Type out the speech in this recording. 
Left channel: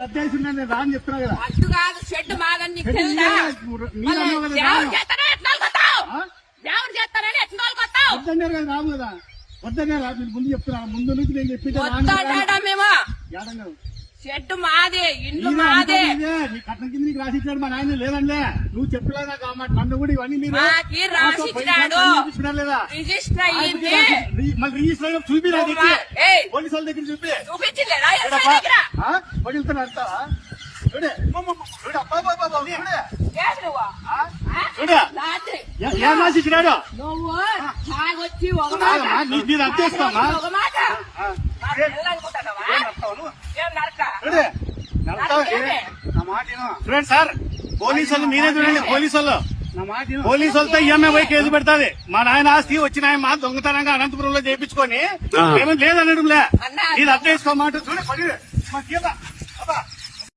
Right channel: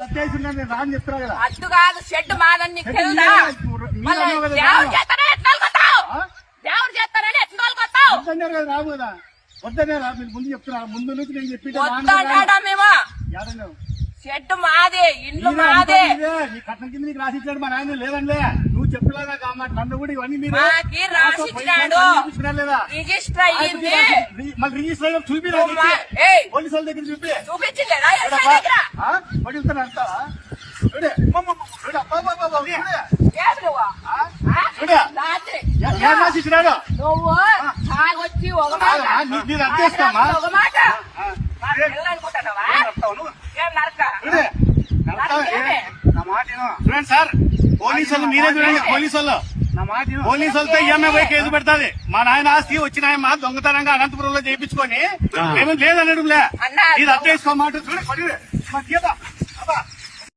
రాని చెప్తున్నా కదా. అడ్డు కాదు షెడ్ మాదని నీకు తెలుసా? దేవుడు చేస్తారని ఎట్లా తోలుకొస్తావు? వద్దన్నారు కదా, రావు కదా. వద్దనే రా, మీరు ముందు చెప్తున్నా. ముందు నుంచి నేను చెప్పి మేము షెడ్ మాదే, ఇంట్లో మాదే. నీ కట్నం కింద నీకు రాసిచ్చాడు మా నాయన. లేదండి, నువ్వు చెప్పలేదా కాబట్టి నన్ను కూడా ఇవన్నీ మీరు రాసిచ్చినాడు. లేదా రిజిస్టర్ అయ్యింది. మళ్ళీ రిజిస్టర్ అయినా చూపిలేదు. పోలీసు వాళ్ళ దగ్గర చూపి చూపించింది. పడుతున్నా అంటావా? చూడే ఏం రాసిచ్చినాడు? నువ్వు తాగొచ్చి ఒక మాట మీరు అర్థేస్తామా? ఒక మాట ఏం నరక నా మాట సార్. పోలీసు వాళ్ళు మీరే పోలీసు వాళ్ళు నా మాట పోలీసు వాళ్ళతో ఈఎంఐ పోయి కేసు పెడతాది. మా నాయన ఆస్తి వచ్చిన ఆయన మా దొంగతనంగా అనంతపురంలో చేయించుకొని ఏమో లేదనడం లే. ఇది అర్థం చేసుకో మాట చూడే